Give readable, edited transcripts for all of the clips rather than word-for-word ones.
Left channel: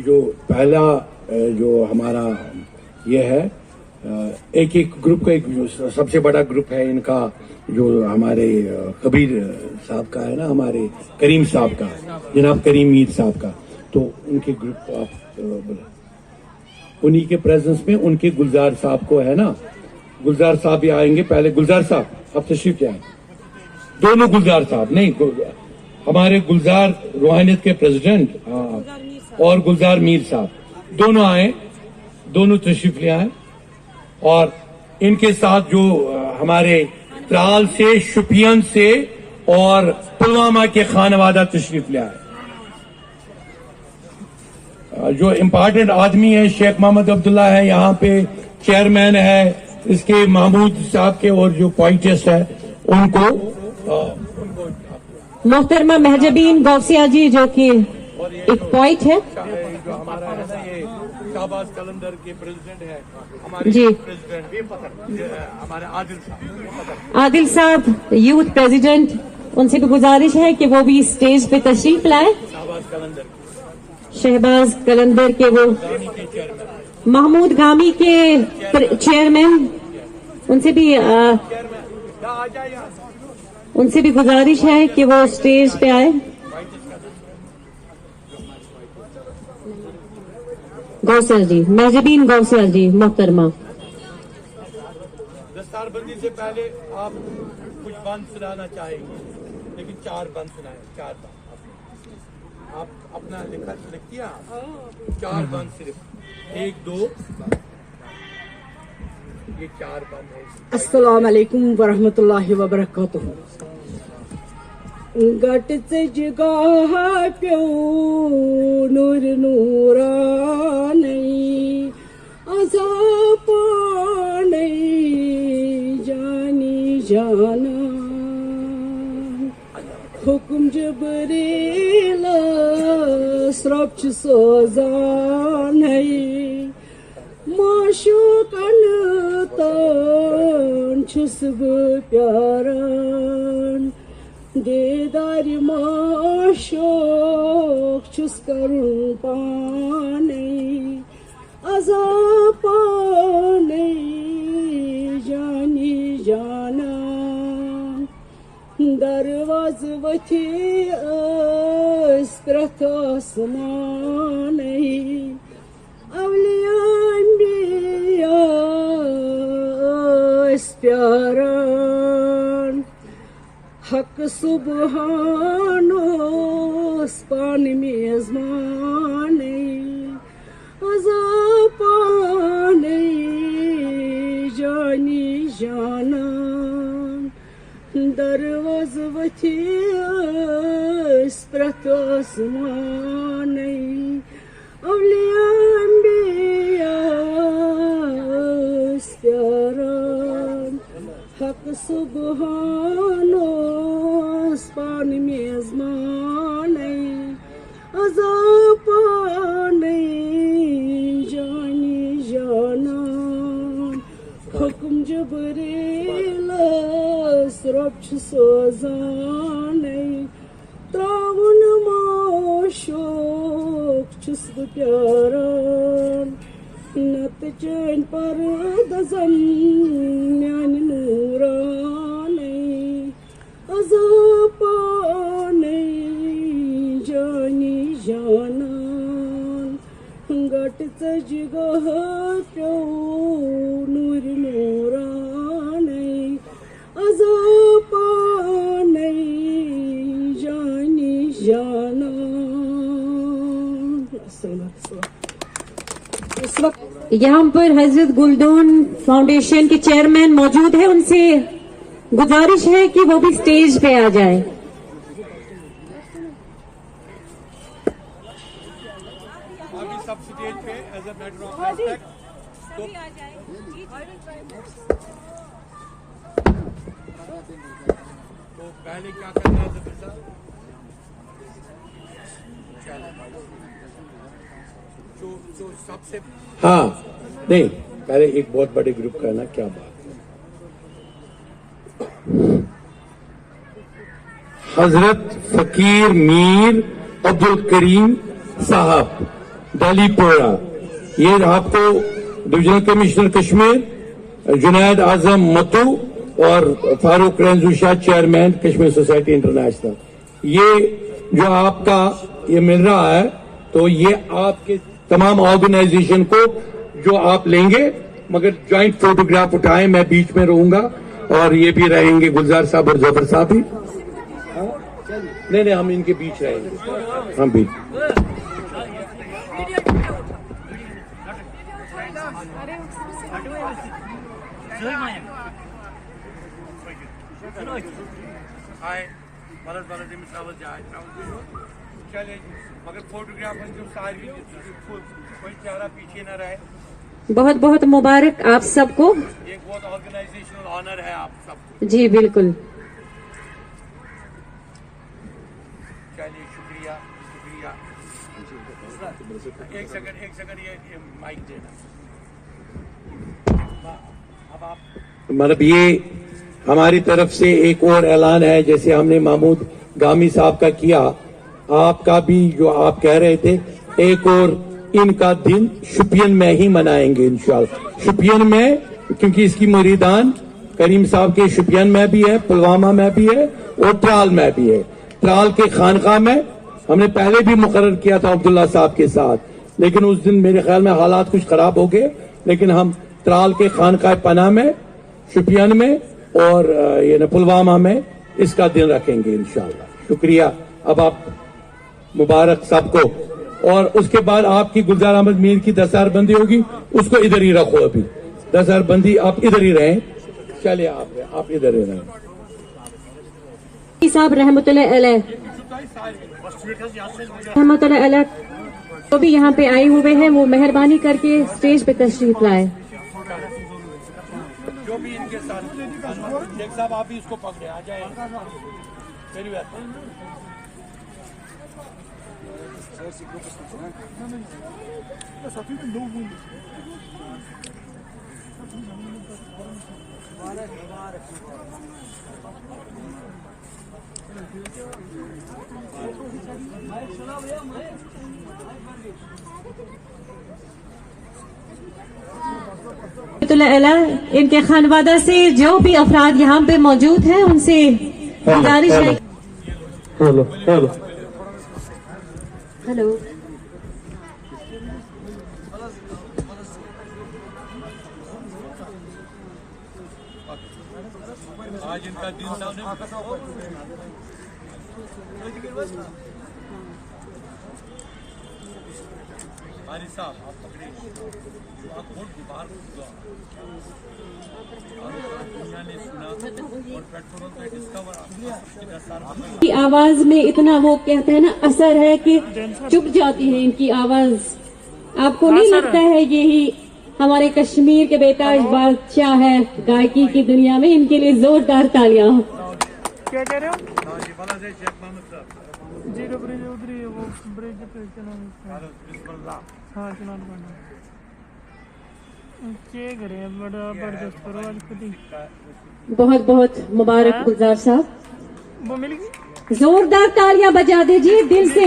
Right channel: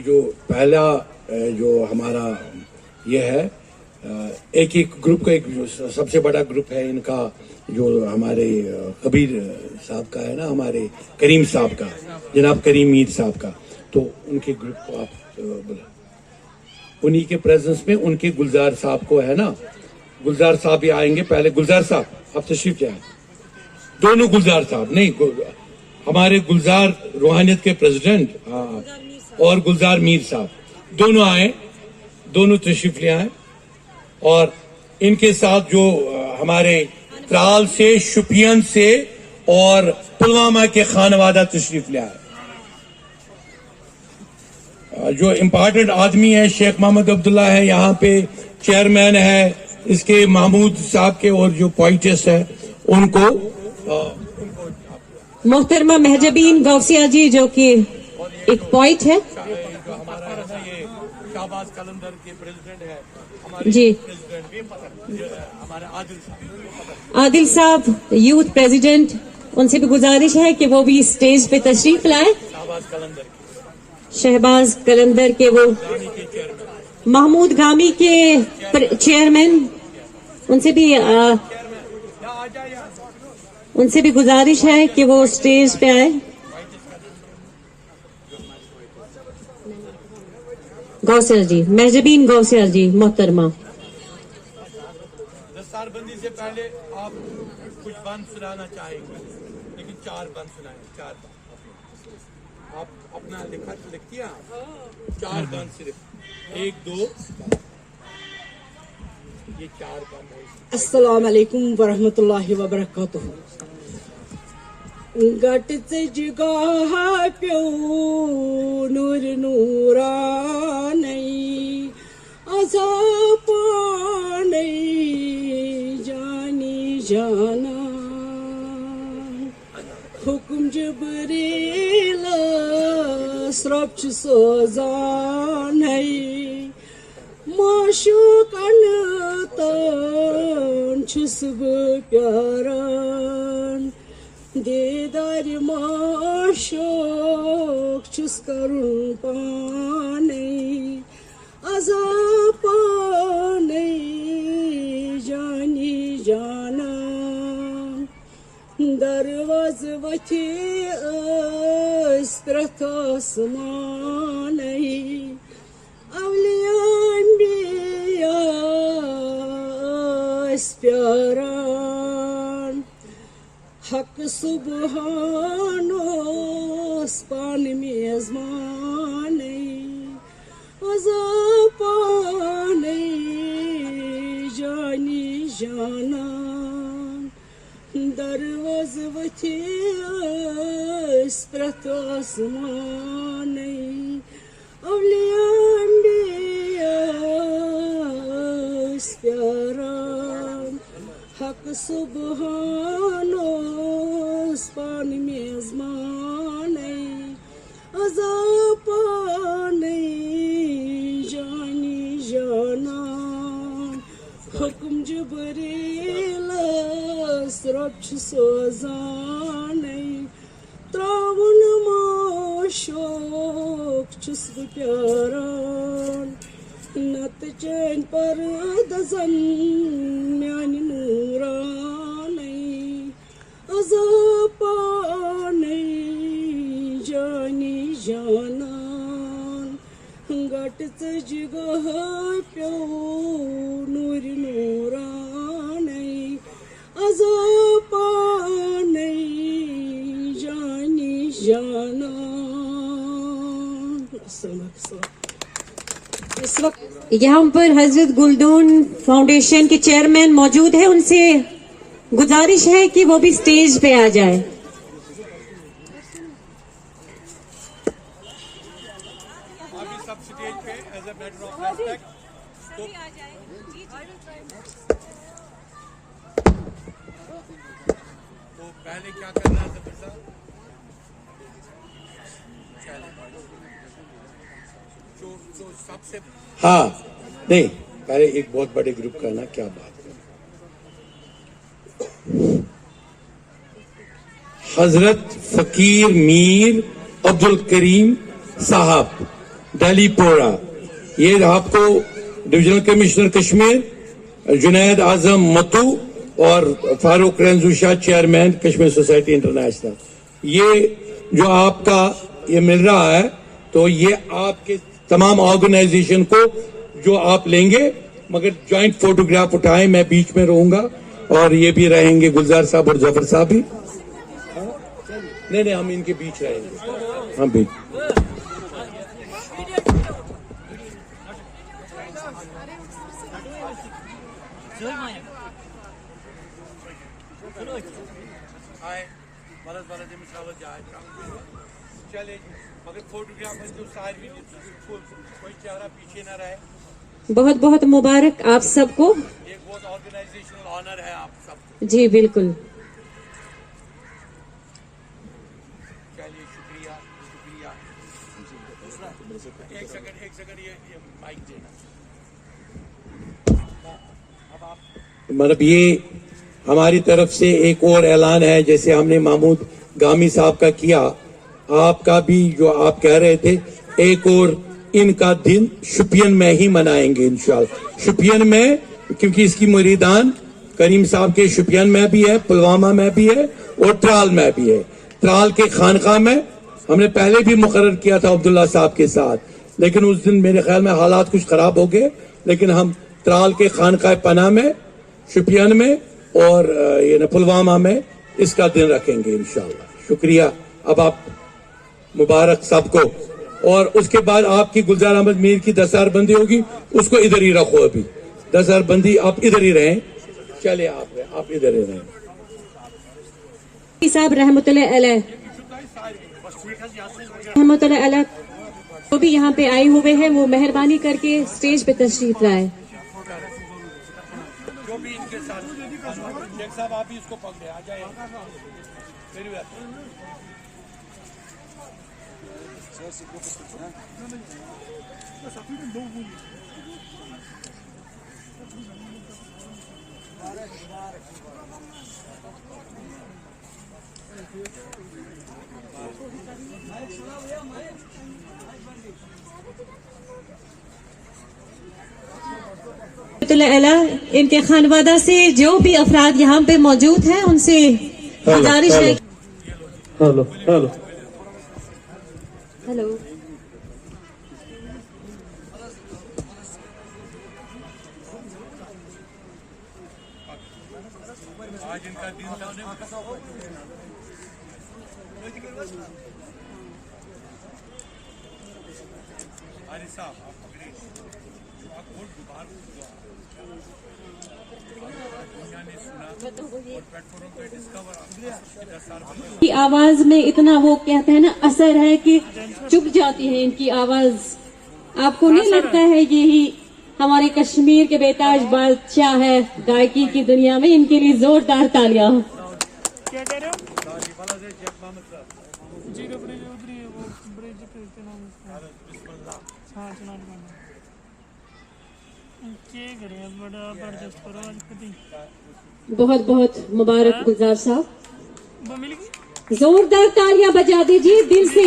कि जो पहला जो हमारा ये है एक ग्रुप का, एक जो सबसे बड़ा ग्रुप है इनका, जो हमारे कबीर साहब का है ना, हमारे करीम साहब का, जनाब करीम मीर साहब का, तो उनके ग्रुप को आप बोले, उन्हीं के प्रेजेंस में उनके गुलजार साहब को है ना, गुलजार साहब भी आएंगे। पहले गुलजार साहब आप तशरीफ ले आए, दोनों गुलजार साहब नहीं, हमारे गुलजार रूहानियत के प्रेसिडेंट और गुलजार मीर साहब दोनों आए, दोनों तशरीफ ले आए। और इनके साथ जो हमारे त्राल से, शुपियन से और पुलवामा के खानवादा तशरीफ ले आए। जो इम्पोर्टेंट आदमी है शेख मोहम्मद अब्दुल्ला है यहाँ पे, चेयरमैन है इसके महमूद साहब के, और जो पोइटेस्ट है उनको मोहतरमा महजबीन गौसिया जी जो कि एक पोइट है, जो हमारा है ना ये शाहबाज कलंदर के प्रेसिडेंट है, हमारे जी प्रेसिडेंट हमारे आदिल साहब यूथ प्रेसिडेंट, उनसे भी गुजारिश है कि वो भी स्टेज पे तशरीफ लाए। शहबाज कलंदर के वो महमूद गामी के चेयरमैन, उनसे भी गुजारिश है कि वो स्टेज पे आए। गौसल जी, महजबीन गौसल जी मोहतरमा। दस्तारबंदी से पहले आप कुछ बंद सुनाना चाहेंगे, लेकिन 4 बंद सुनाए, 4 बंद आप अपना लिखती हैं, 4 बंद सिर्फ, 1 2 ये 4 बंद है। अस्सलाम वालेकुम वरहमतुल्लाहि वबरकातुहू। गटचे जिगाह प्यो नूर नूरानी, अज़ापानी जानी जाना, हुक्म जिब्रील स्रब सोजान है, माशूकन तान छुस प्यारान, दीदार माशूक छुस करूं पाने, अज़ा पाने जानी जाना, दरवाज वथी प्रथ आसमान, अवलियान बिया प्यारान, हक सुबहानो पान मेजमान, अज़ा पाने जानी जाना, दरवाज वथी प्रथ आसमान, अवलियान बिया प्यारान, हक सुबहानो पान मेजमान, अज़ा पाने जानी जाना, हुक्म जिब्रील स्रब सोजान, त्रावन माशूक छुस प्यारान, नत चैन पर दजन म्यान नूरानी, अज़ा पाने जानी जाना, गट जिगाह प्यो नूर नूरानी, अज़ा पाने जानी जाना। यहाँ पर हजरत गुलदून फाउंडेशन के चेयरमैन मौजूद है, उनसे गुजारिश है कि वो भी स्टेज पे आ जाए। सब स्टेज पे as a matter of respect तो पहले क्या करना है जो सबसे, हाँ नहीं, पहले एक बहुत बड़े ग्रुप का ना क्या बात है। हजरत फकीर मीर अब्दुल करीम साहब दिल्ली पोरा। ये आपको डिविजनल कमिश्नर कश्मीर जुनैद आजम मतू और फारूक रंजूशा चेयरमैन कश्मीर सोसाइटी इंटरनेशनल। ये जो आपका ये मिल रहा है तो ये आपके तमाम ऑर्गेनाइजेशन को जो आप लेंगे, मगर ज्वाइंट फोटोग्राफ उठाएं, मैं बीच में रहूंगा और ये भी रहेंगे गुलजार साहब और जफर साहब भी। नहीं, हम इनके बीच रहेंगे, हम बीच। चले मगर फोटोग्राफ कोई चेहरा पीछे ना रहे। बहुत बहुत मुबारक आप सबको। ये बहुत ऑर्गेनाइजेशनल ऑनर है आप सबको। जी बिल्कुल। चलिए शुक्रिया शुक्रिया। एक सेकंड ये माइक देना। अब आप मतलब ये हमारी तरफ से एक और ऐलान है, जैसे हमने महमूद गामी साहब का किया, आपका भी जो आप कह रहे थे, एक और इनका दिन शुपियन में ही मनाएंगे इंशाल्लाह। शुपियन में, क्योंकि इसकी मुरीदान करीम साहब के शुपियन में भी है, पुलवामा में भी है और त्राल में भी है। त्राल के खानका में हमने पहले भी मुकर्रर किया था अब्दुल्ला साहब के साथ, लेकिन उस दिन मेरे ख्याल में हालात कुछ खराब हो गए, लेकिन हम त्राल के खानका पना में, शुपियन में और ये पुलवामा में इसका दिन रखेंगे इंशाल्लाह। शुक्रिया। अब आप मुबारक सबको। और उसके बाद आपकी गुलजार अहमद मीर की 10,000 बंदी होगी, उसको इधर ही रखो। अभी 10,000 बंदी आप इधर ही रहें। चले आप इधर ही रहें। साहब रहमतुल्लाह अलैह तो भी यहाँ पे आए हुए हैं, वो मेहरबानी करके स्टेज पे तशरीफ लाए। जो भी इनके साथ शेख साहब आप भी इसको पकड़े, आ जाए। इनके खानवादा से जो भी अफराद यहाँ पे मौजूद हैं, उनसे गुजारिश है। Hello hello hello. आज इनका दिन आरिफ साहब आप पकड़े, आप बहुत बीमार दुनिया ने सुना और पेट्रोल पे डिस्कवर की आवाज में इतना वो कहते हैं ना असर है कि चुप जाती है इनकी आवाज। आपको नहीं लगता है यही हमारे कश्मीर के बेताज बादशाह है गायकी की दुनिया में? इनके लिए जोरदार तालियां। क्या कह रहे हो? जी ब्रिज उधरी है, वो ब्रिज पे हाँ चलान करना क्या करे, बड़ा जबरदस्त परवाज खुद ही। बहुत बहुत मुबारक गुलजार साहब। वो मिल गई। जोरदार तालियां बजा दीजिए दिल से।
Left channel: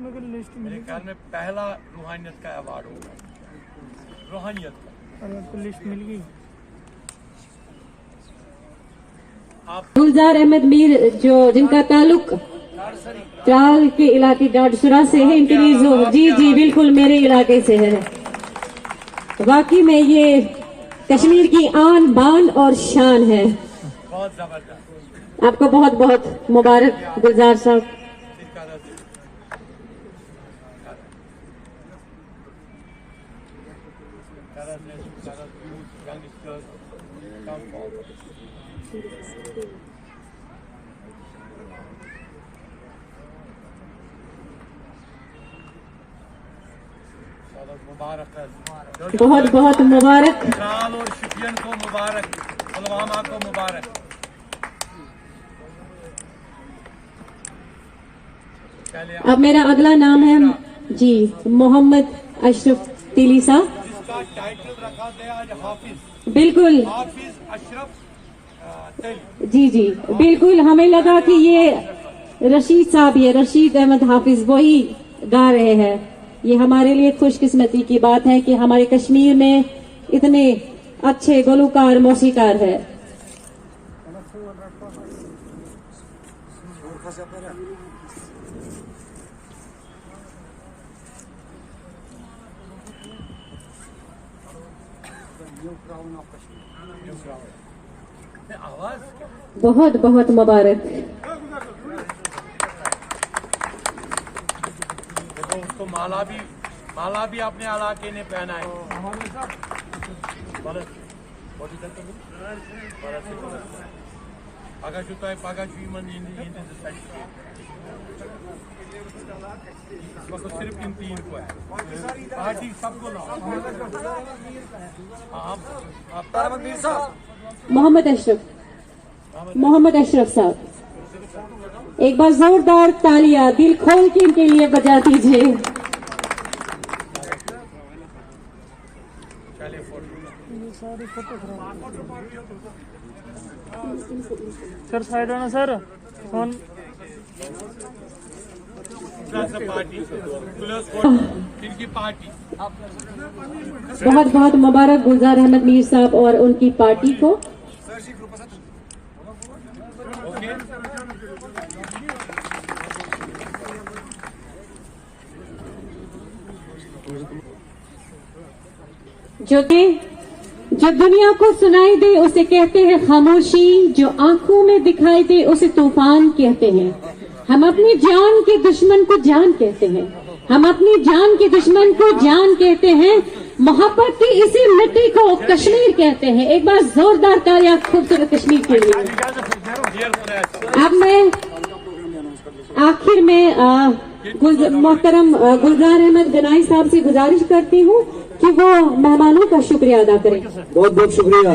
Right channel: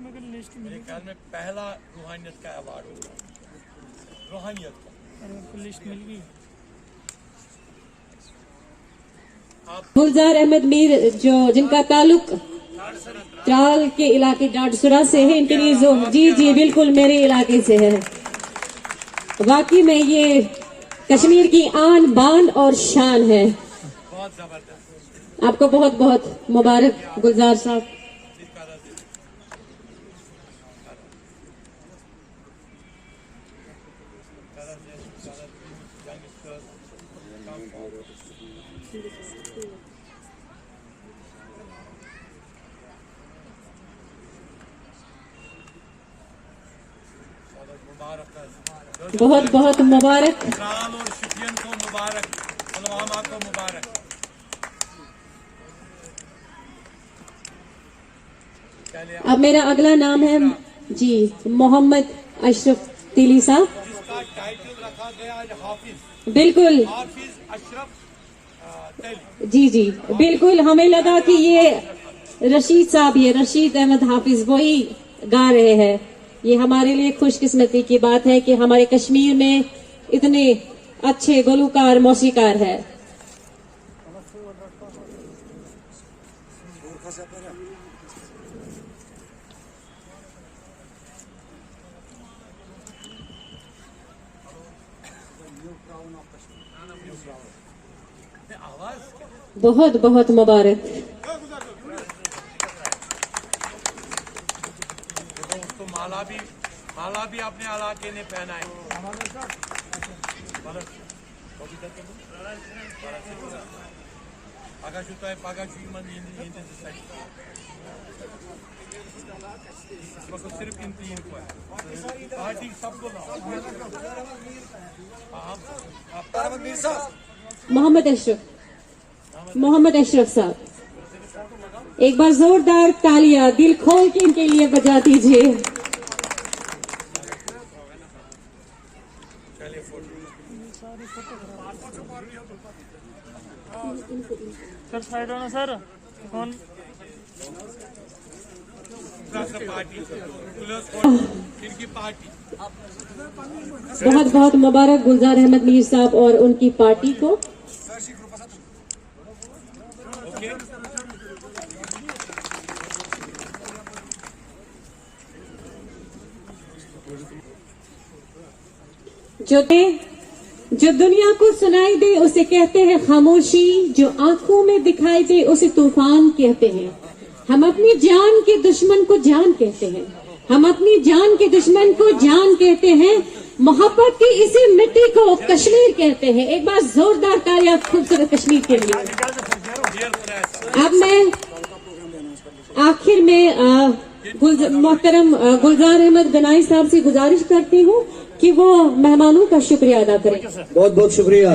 मगर लिस्ट मेरे ख्याल में पहला रूहानियत का अवार्ड होगा, रूहानियत का। और आपको लिस्ट मिल गई। गुलजार अहमद मीर जो जिनका ताल्लुक त्राल के इलाके डाडसुरा से है, इनके लिए जो जी बिल्कुल मेरे इलाके से है। वाकई में ये कश्मीर की आन बान और शान है। बहुत जबरदस्त। आपको बहुत बहुत मुबारक गुलजार साहब। बहुत बहुत मुबारक। त्राल और शुपियन को मुबारक, पुलवामा को मुबारक। अब मेरा अगला नाम है जी मोहम्मद अशरफ तिली साहब। जिसका टाइटल रखा गया आज हाफिज। बिल्कुल हाफिज अशरफ जी जी बिल्कुल, हमें लगा कि ये रशीद साहब, ये रशीद अहमद हाफिज वही गा रहे हैं। ये हमारे लिए खुशकिस्मती की बात है कि हमारे कश्मीर में इतने अच्छे गुलकार मौसीकार है। बहुत बहुत मुबारक। देखो उसको माला भी अपने इलाके ने पहना है। पगह सिर्फ इन 3 को है, पार्टी सबको लाओ। मोहम्मद अशरफ साहब, एक बार जोरदार तालियां दिल खोल के इनके लिए बजा दीजिए। सर साइड आना सर, फोन पार्टी इनकी पार्टी। बहुत बहुत मुबारक गुलजार अहमद मीर साहब और उनकी पार्टी को। जो दुनिया को सुनाई दे उसे कहते हैं खामोशी, जो आंखों में दिखाई दे उसे तूफान कहते हैं। हम अपनी जान के दुश्मन को जान कहते हैं, हम अपनी जान के दुश्मन को जान कहते हैं। मोहब्बत की इसी मिट्टी को कश्मीर कहते हैं। एक बार जोरदार तालियां खूबसूरत कश्मीर के लिए। अब मैं आखिर में मोहतरम गुलजार अहमद गनाई साहब से गुजारिश करती हूँ कि वो मेहमानों का शुक्रिया अदा करें। बहुत बहुत शुक्रिया।